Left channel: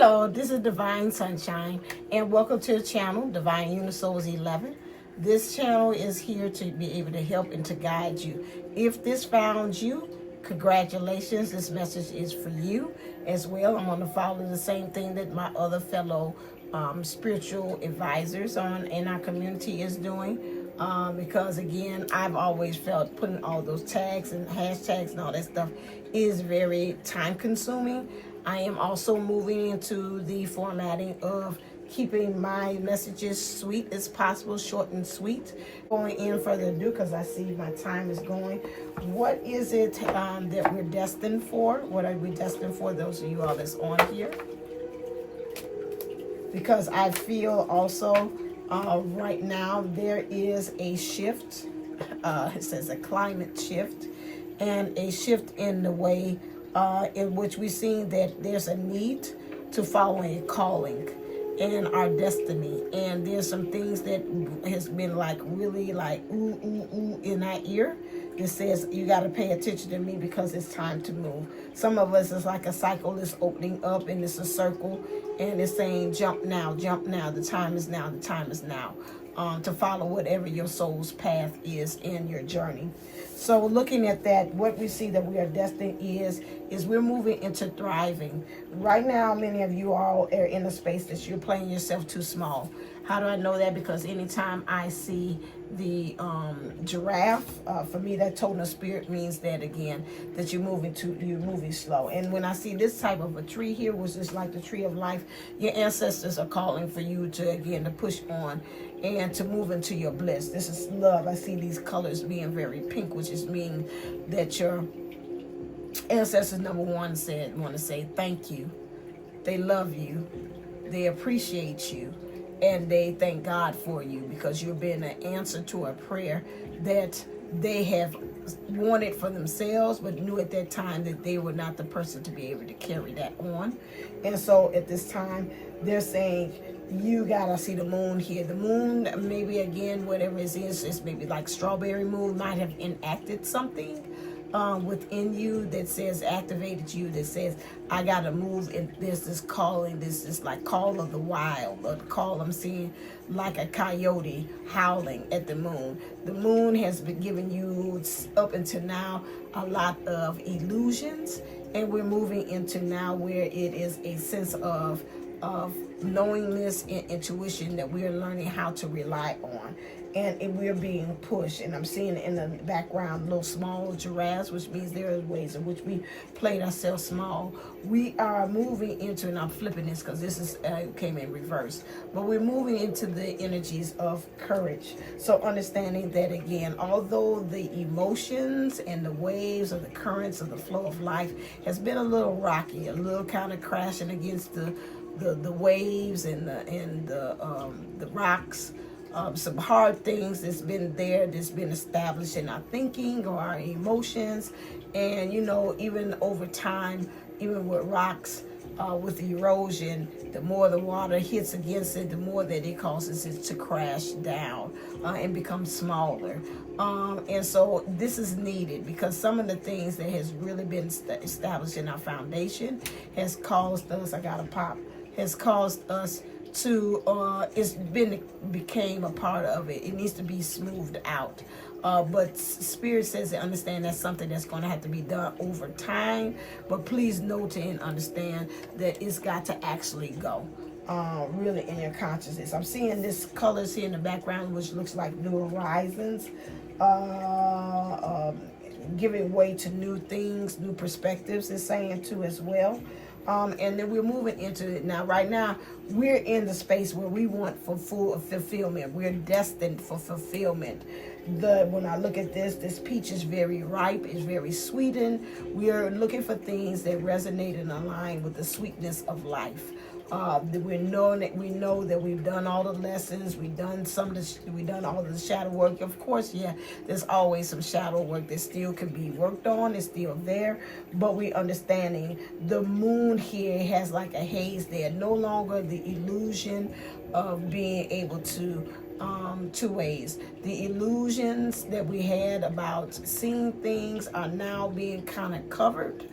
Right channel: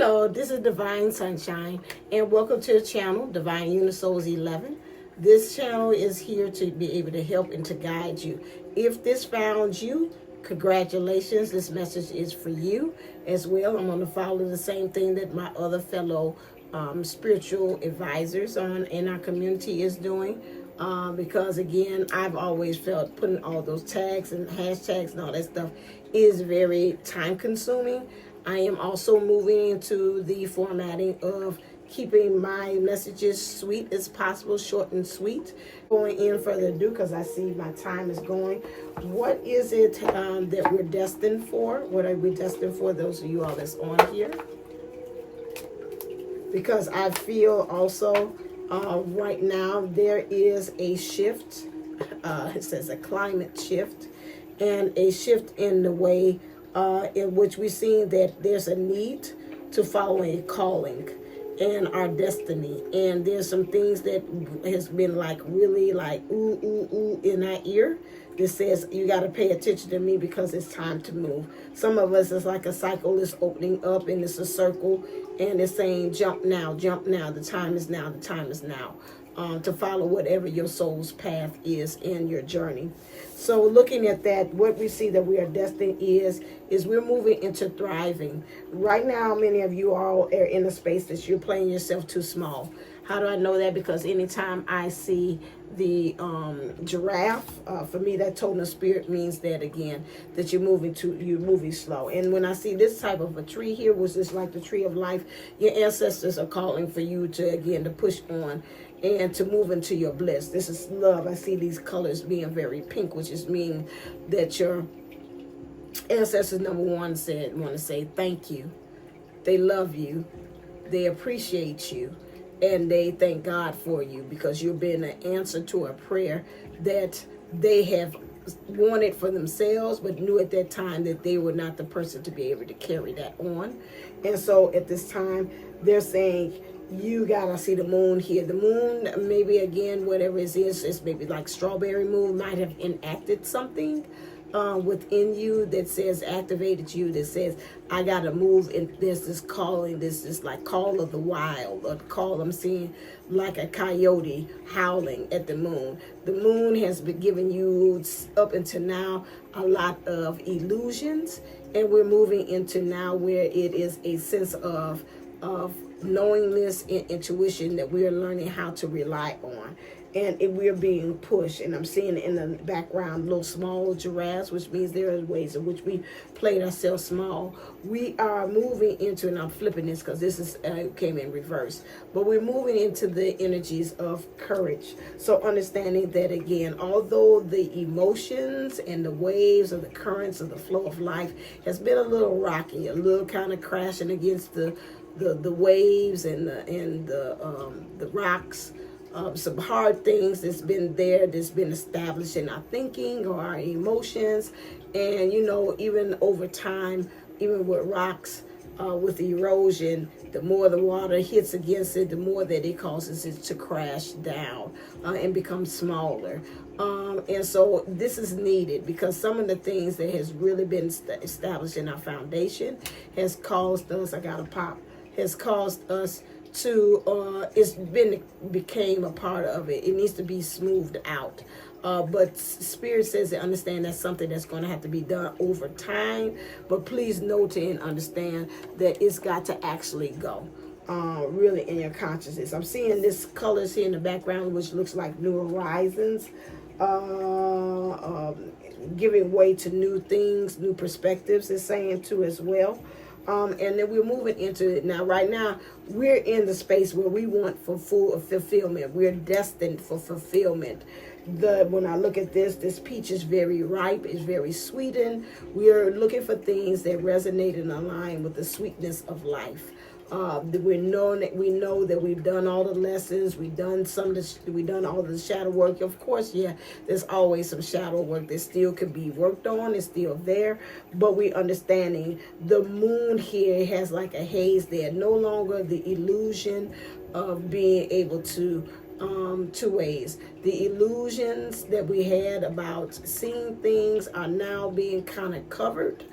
Hello, this is Divine Sunshine, and welcome to the channel, Divine Unisouls 11. This channel is here to be able to help and to guide you. If this found you, congratulations, this message is for you as well. I'm going to follow the same thing that my other fellow spiritual advisors in our community is doing. Because again, I've always felt putting all those tags and hashtags and all that stuff is very time consuming. I am also moving into the formatting of keeping my messages sweet as possible, short and sweet. Going in further ado, because I see my time is going. What is it that we're destined for? What are we destined for, those of you all that's on here? Because I feel also right now there is a shift. It says a climate shift and a shift in the way in which we're seeing that there's a need to follow a calling and our destiny. And there's some things that has been like really like ooh, ooh, ooh in our ear. It says you got to pay attention to me because it's time to move. Some of us is like a cycle is opening up and it's a circle and it's saying jump now, the time is now, the time is now. To follow whatever your soul's path is in your journey. So looking at that, what we see that we are destined is we're moving into thriving. Right now, many of you all are in a space that you're playing yourself too small. How do I know that? Because anytime I see the giraffe, for me, that totem of spirit means that again, that you're moving slow. And when I see this type of a tree here, which is like the tree of life, your ancestors are calling for you to again to push on and to move into your bliss. This is love. I see these colors being very pink, which is mean that your ancestors, number one, want to say thank you. They love you. They appreciate you. And they thank God for you because you've been an answer to a prayer that they have wanted for themselves, but knew at that time that they were not the person to be able to carry that on. And so at this time, they're saying, you gotta see the moon here. The moon, maybe again, whatever it is, it's maybe like strawberry moon, might have enacted something within you that says, activated you, that says, I gotta move. And there's this calling, this is like call of the wild, or call I'm seeing like a coyote howling at the moon. The moon has been giving you up until now a lot of illusions, and we're moving into now where it is a sense of knowingness and intuition that we are learning how to rely on. And we're being pushed, and I'm seeing in the background little small giraffes, which means there are ways in which we played ourselves small. We are moving into, and I'm flipping this because this is came in reverse, but we're moving into the energies of courage. So understanding that again, although the emotions and the waves of the currents of the flow of life has been a little rocky, a little kind of crashing against the waves and the rocks. Some hard things that's been there, that's been established in our thinking or our emotions. And, you know, even over time, even with rocks, with the erosion, the more the water hits against it, the more that it causes it to crash down and become smaller. And so this is needed because some of the things that has really been established in our foundation has caused us, has caused us to became a part of it. It needs to be smoothed out. But Spirit says to understand that's something that's going to have to be done over time. But please note and understand that it's got to actually go really in your consciousness. I'm seeing this colors here in the background, which looks like new horizons, giving way to new things, new perspectives, it's saying too as well. And then we're moving into it now. Right now, we're in the space where we want for full fulfillment. We're destined for fulfillment. When I look at this peach is very ripe, it's very sweetened. We are looking for things that resonate and align with the sweetness of life. We know that we've done all the lessons, we've done all the shadow work. Of course, yeah, there's always some shadow work that still could be worked on, it's still there, but we understanding the moon here has like a haze there, no longer the illusion of being able to two ways. The illusions that we had about seeing things are now being kind of covered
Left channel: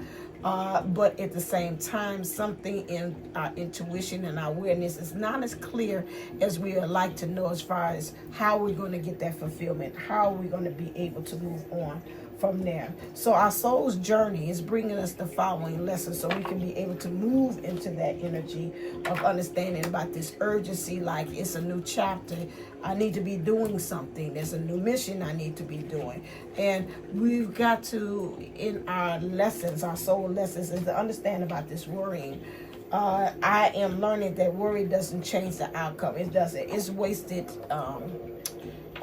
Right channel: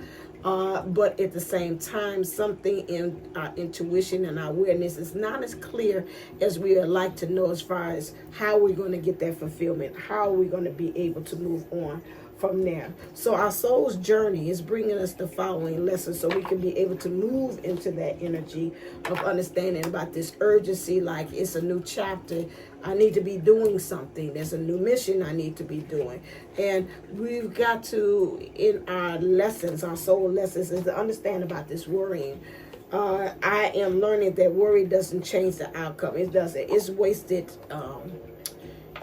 but at the same time, something in our intuition and our awareness is not as clear as we would like to know, as far as how we're going to get that fulfillment, how are we going to be able to move on from there. So our soul's journey is bringing us the following lessons so we can be able to move into that energy of understanding about this urgency, like it's a new chapter. I need to be doing something. There's a new mission I need to be doing. And we've got to, in our lessons, our soul lessons, is to understand about this worrying. I am learning that worry doesn't change the outcome. It doesn't. It's wasted.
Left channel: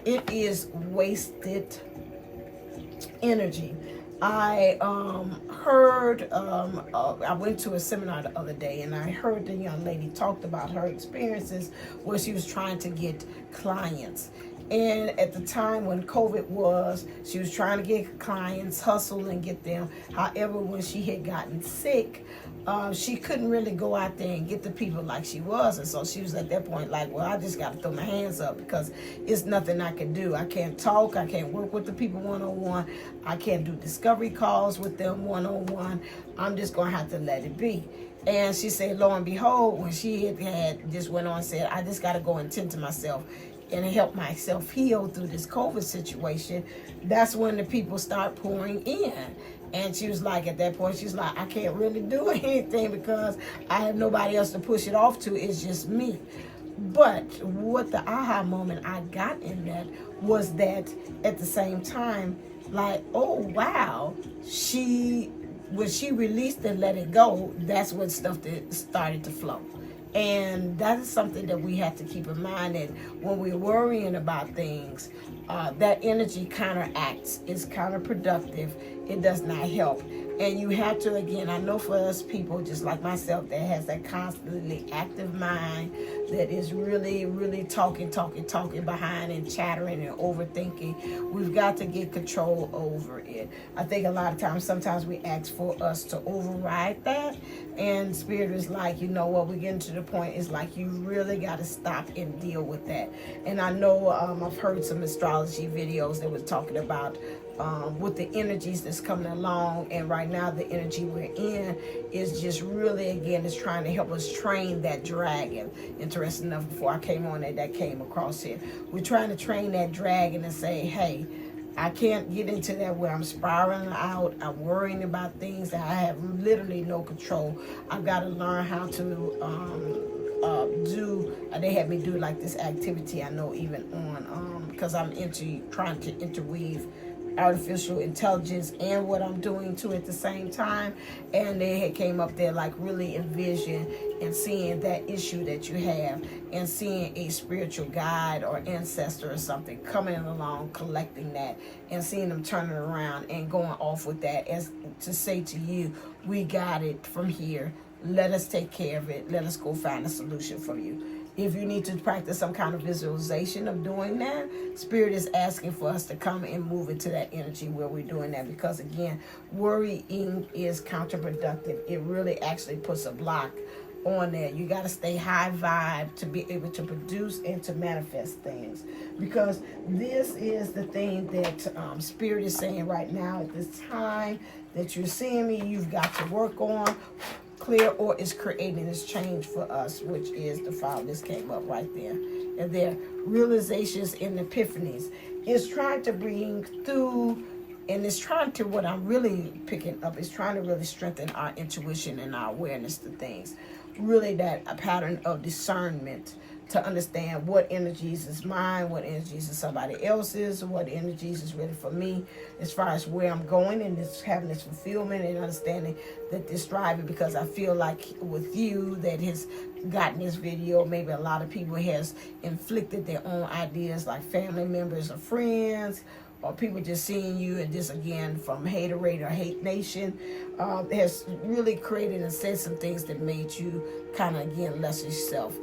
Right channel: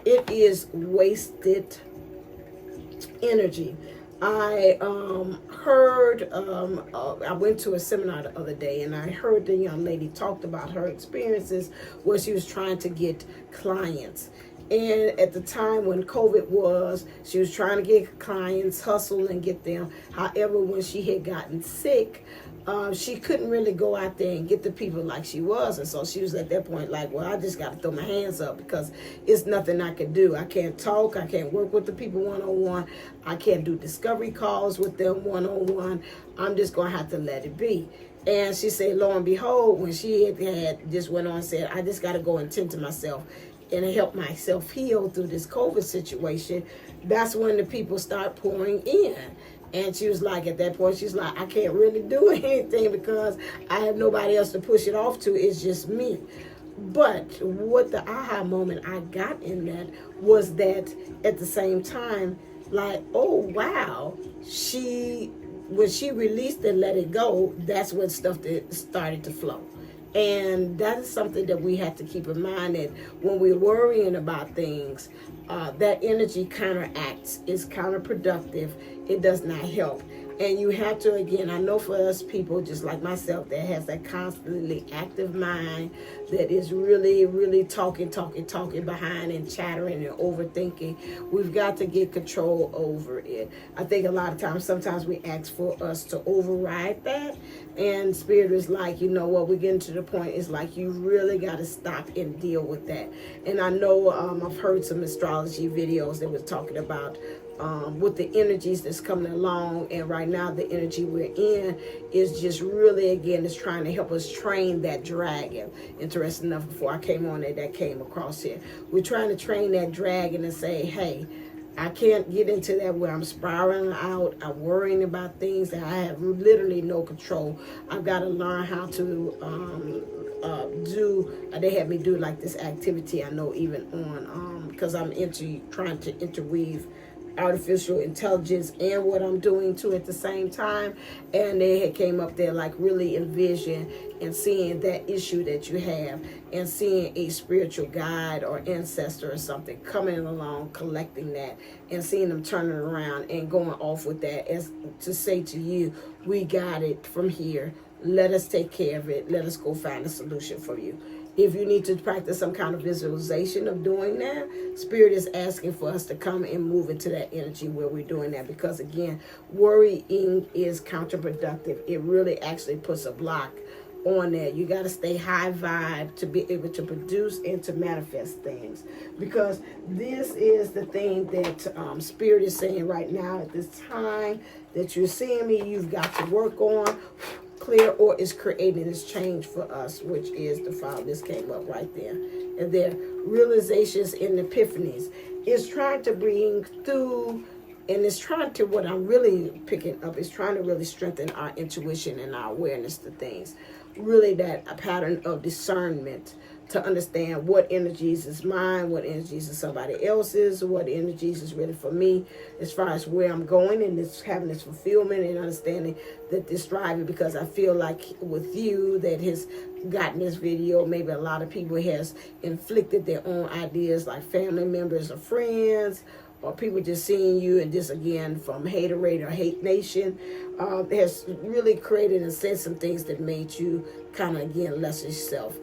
It is wasted energy. I heard, I went to a seminar the other day, and I heard the young lady talked about her experiences where she was trying to get clients. And at the time when COVID was, she was trying to get clients, hustle and get them. However, when she had gotten sick, she couldn't really go out there and get the people like she was. And so she was at that point like, well, I just got to throw my hands up because it's nothing I can do. I can't talk. I can't work with the people one-on-one. I can't do discovery calls with them one-on-one. I'm just going to have to let it be. And she said, lo and behold, when she had just went on and said, I just got to go and tend to myself and help myself heal through this COVID situation, that's when the people start pouring in. And she was like, at that point, she's like, I can't really do anything because I have nobody else to push it off to. It's just me. But what the aha moment I got in that was that at the same time, like, oh, wow, when she released and let it go, that's when stuff that started to flow. And that is something that we have to keep in mind, that when we're worrying about things, that energy counteracts, is counterproductive. It does not help. And you have to, again, I know for us people just like myself that has that constantly active mind that is really, really talking behind and chattering and overthinking, we've got to get control over it. I think a lot of times, sometimes we ask for us to override that. And Spirit is like, you know what, we're getting to the point, it's like you really got to stop and deal with that. And I know I've heard some astrology videos that was talking about with the energies that's coming along, and right now the energy we're in is just really, again, is trying to help us train that dragon. Interesting enough, before I came on that came across here, we're trying to train that dragon and say, hey, I can't get into that where I'm spiraling out, I'm worrying about things that I have literally no control. I've got to learn how to they had me do like this activity, I know, even on because I'm trying to interweave artificial intelligence and what I'm doing too at the same time. And they had came up there like really envision and seeing that issue that you have and seeing a spiritual guide or ancestor or something coming along, collecting that and seeing them turn it around and going off with that as to say to you, we got it from here. Let us take care of it. Let us go find a solution for you. If you need to practice some kind of visualization of doing that, Spirit is asking for us to come and move into that energy where we're doing that. Because again, worrying is counterproductive. It really actually puts a block on there. You got to stay high vibe to be able to produce and to manifest things. Because this is the thing that Spirit is saying right now at this time that you're seeing me, you've got to work on. Clear or is creating this change for us, which is the file. This came up right there. And their realizations and epiphanies is trying to bring through, and it's trying to, what I'm really picking up is trying to really strengthen our intuition and our awareness to things. Really that a pattern of discernment to understand what energies is mine, what energies is somebody else's, what energies is really for me, as far as where I'm going, and this having this fulfillment and understanding that this driving, because I feel like with you that has gotten this video, maybe a lot of people has inflicted their own ideas, like family members or friends, or people just seeing you, and just again from Haterade or Hate Nation, has really created and said some things that made you kind of, again, less yourself,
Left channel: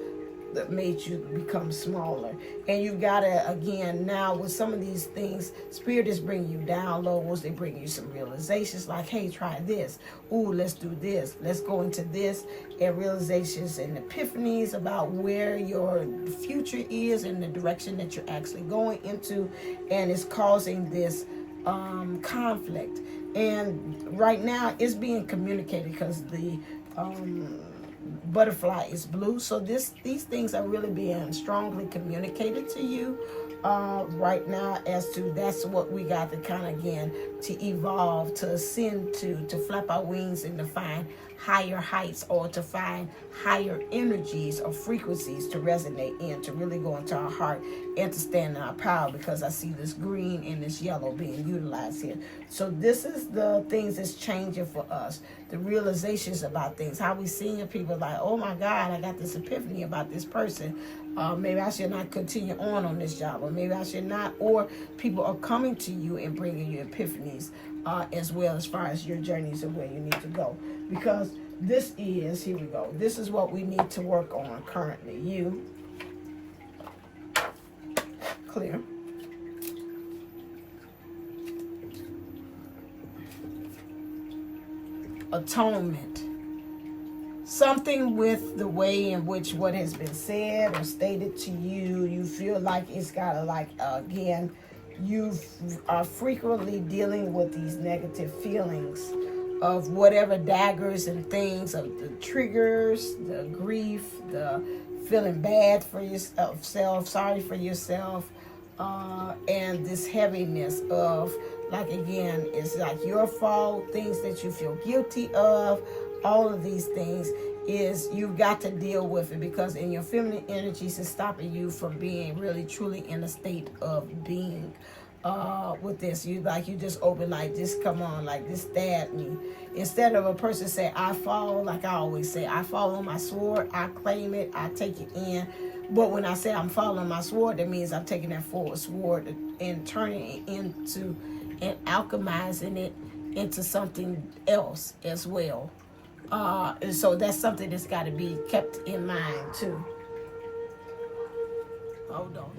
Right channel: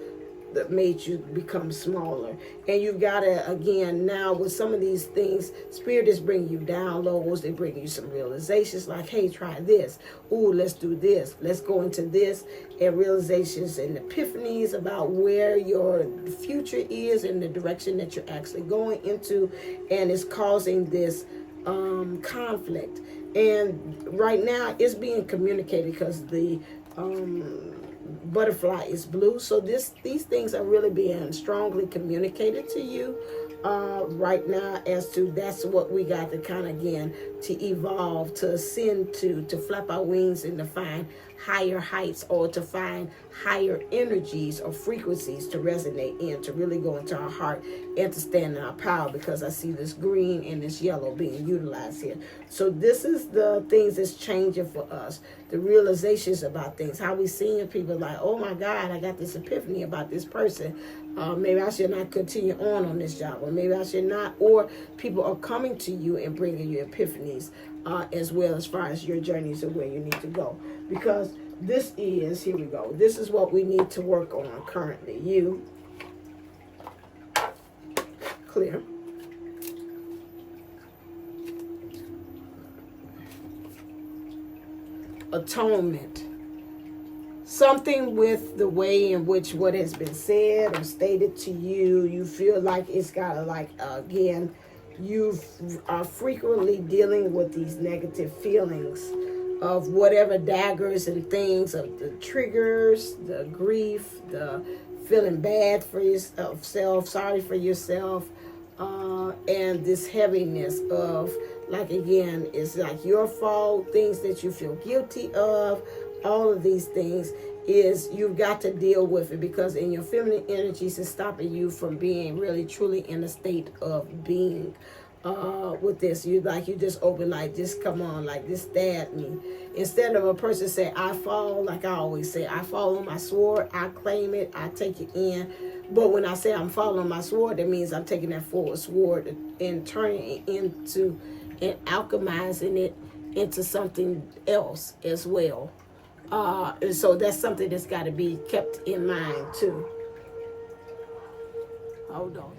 that made you become smaller. And you've got to, again, now with some of these things, Spirit is bringing you downloads. They bring you some realizations like, hey, try this. Ooh, let's do this. Let's go into this. And realizations and epiphanies about where your future is and the direction that you're actually going into. And it's causing this conflict. And right now it's being communicated because the butterfly is blue. So these things are really being strongly communicated to you right now, as to that's what we got to kind of, again, to evolve, to ascend to flap our wings and to find higher heights, or to find higher energies or frequencies to resonate in, to really go into our heart and to stand in our power, because I see this green and this yellow being utilized here. So this is the things that's changing for us, the realizations about things, how we seeing people like, oh my God, I got this epiphany about this person. Maybe I should not continue on this job, or maybe I should not, or people are coming to you and bringing you epiphanies as well, as far as your journeys of where you need to go. Because this is, here we go, this is what we need to work on currently. You, clear. Atonement. Something with the way in which what has been said or stated to you, you feel like it's got to, like, again, you are frequently dealing with these negative feelings of whatever daggers and things, of the triggers, the grief, the feeling bad for yourself, sorry for yourself, and this heaviness of, like, again, it's like your fault, things that you feel guilty of. All of these things is, you've got to deal with it, because in your feminine energies is stopping you from being really truly in a state of being with this. You just open, like, just come on, like, just stab me. Instead of a person say, I fall, like I always say, I fall on my sword, I claim it, I take it in. But when I say I'm falling on my sword, that means I'm taking that forward sword and turning it into, and alchemizing it into something else as well. And so that's something that's got to be kept in mind too. Hold on.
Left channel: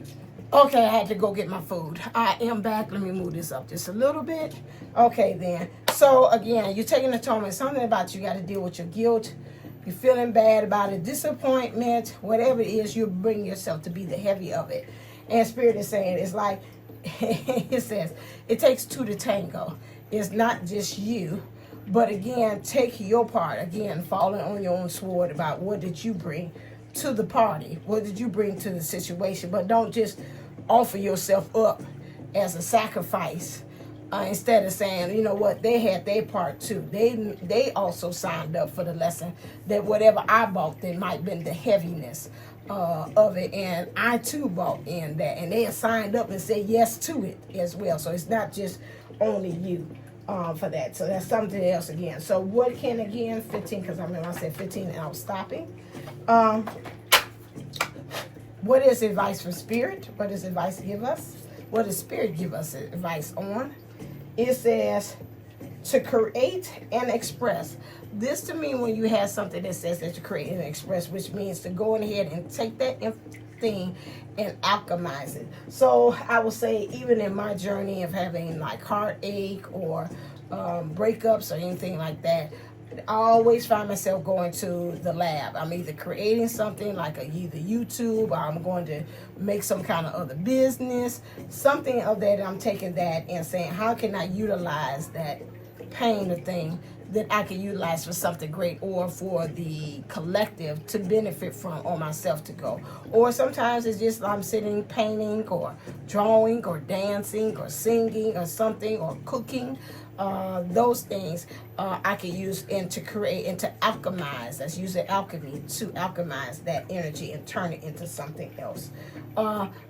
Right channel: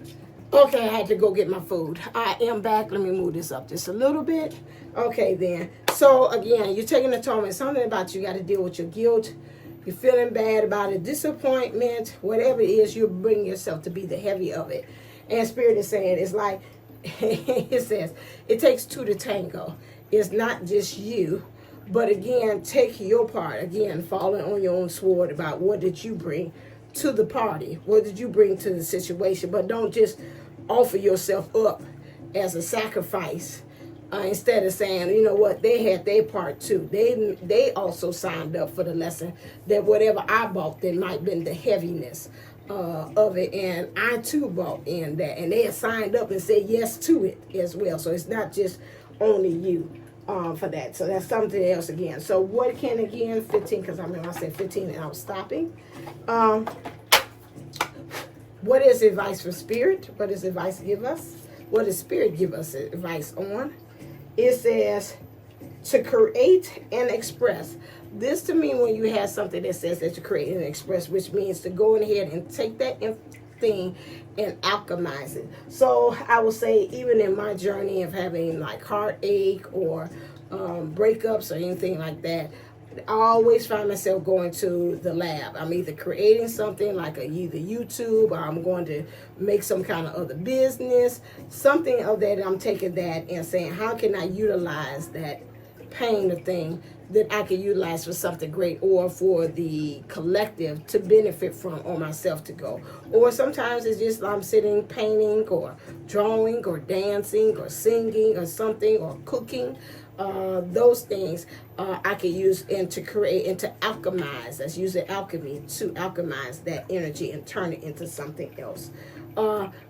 Okay, I had to go get my food. I am back. Let me move this up just a little bit. Okay, then. So again, you're taking atonement. Something about you got to deal with your guilt. You're feeling bad about it, disappointment, whatever it is, you bring yourself to be the heavy of it. And Spirit is saying, it's like, it says, it takes two to tango. It's not just you. But again, take your part. Again, falling on your own sword about what did you bring to the party? What did you bring to the situation? But don't just offer yourself up as a sacrifice instead of saying, you know what, they had their part too. They also signed up for the lesson, that whatever I bought, there might have been the heaviness of it. And I too bought in that. And they had signed up and said yes to it as well. So it's not just only you. For that. So that's something else again. So what can, again, 15, because I remember I said 15 and I was stopping. What is advice from Spirit? What does advice give us? What does Spirit give us advice on? It says to create and express. This to me, when you have something that says that you create and express, which means to go ahead and take that thing and alchemize it. So I will say, even in my journey of having like heartache or breakups or anything like that, I always find myself going to the lab. I'm either creating something like either YouTube, or I'm going to make some kind of other business, something of that. I'm taking that and saying, how can I utilize that pain of thing that I can utilize for something great, or for the collective to benefit from, or myself to go. Or sometimes it's just I'm sitting painting or drawing or dancing or singing or something, or cooking. Those things I can use and to create and to alchemize. Let's use the alchemy to alchemize that energy and turn it into something else.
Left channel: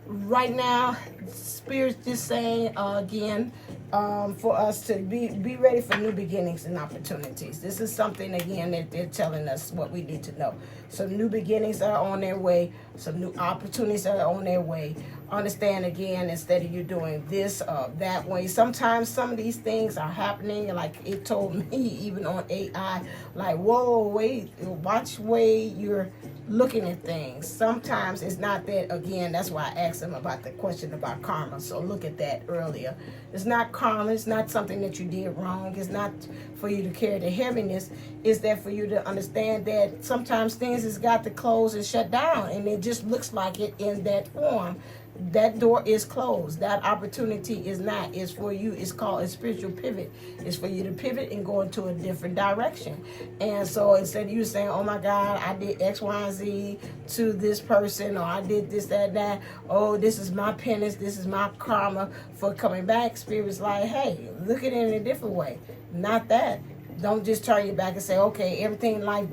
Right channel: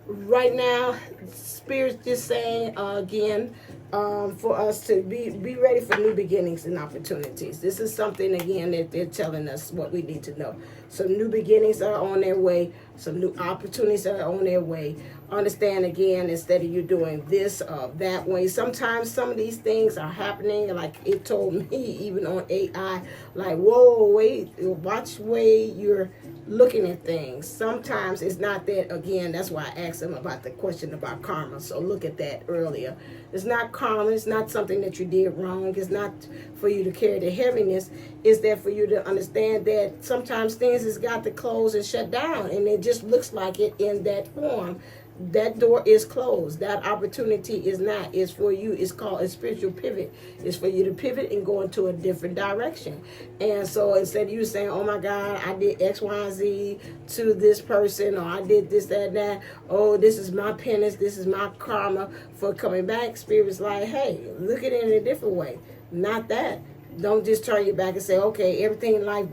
Right now, Spirit's just saying again, for us to be ready for new beginnings and opportunities. This is something, again, that they're telling us what we need to know. Some new beginnings are on their way. Some new opportunities are on their way. Understand, again, instead of you doing this that way, sometimes some of these things are happening, like it told me even on AI, like, whoa, wait, watch way you're looking at things. Sometimes it's not that, again, that's why I asked them about the question about karma. So look at that earlier. It's not karma. It's not something that you did wrong. It's not for you to carry the heaviness. It's that for you to understand that sometimes things has got to close and shut down, and it just looks like it in that form. that door is closed. That opportunity is not. It's for you. It's called a spiritual pivot. It's for you to pivot and go into a different direction. And so instead of you saying, oh my God, I did X, Y, and Z to this person, or I did this, that, that. Oh, this is my penance. This is my karma for coming back. Spirit's like, hey, look at it in a different way. Not that. Don't just turn your back and say, okay, everything life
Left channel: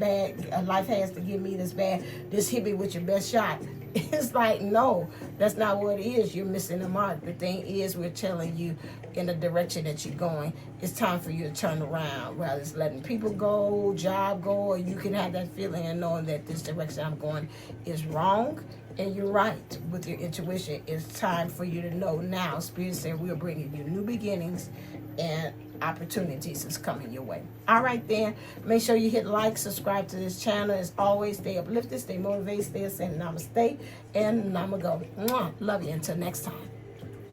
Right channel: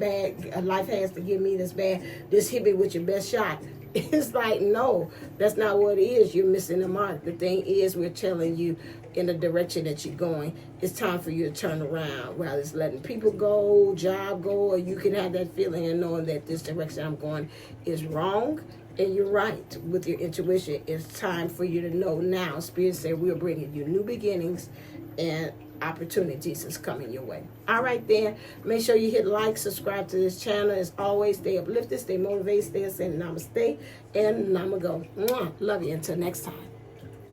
has to give me this bad. Just hit me with your best shot. It's like, no, that's not what it is. You're missing the mark. The thing is, we're telling you in the direction that you're going. It's time for you to turn around. Rather it's letting people go, job go, or you can have that feeling and knowing that this direction I'm going is wrong. And you're right with your intuition. It's time for you to know now. Spirit said we're bringing you new beginnings and opportunities is coming your way. All right, then. Make sure you hit like, subscribe to this channel. As always, stay uplifted, stay motivated, stay ascended. Namaste and Namago. Love you. Until next time.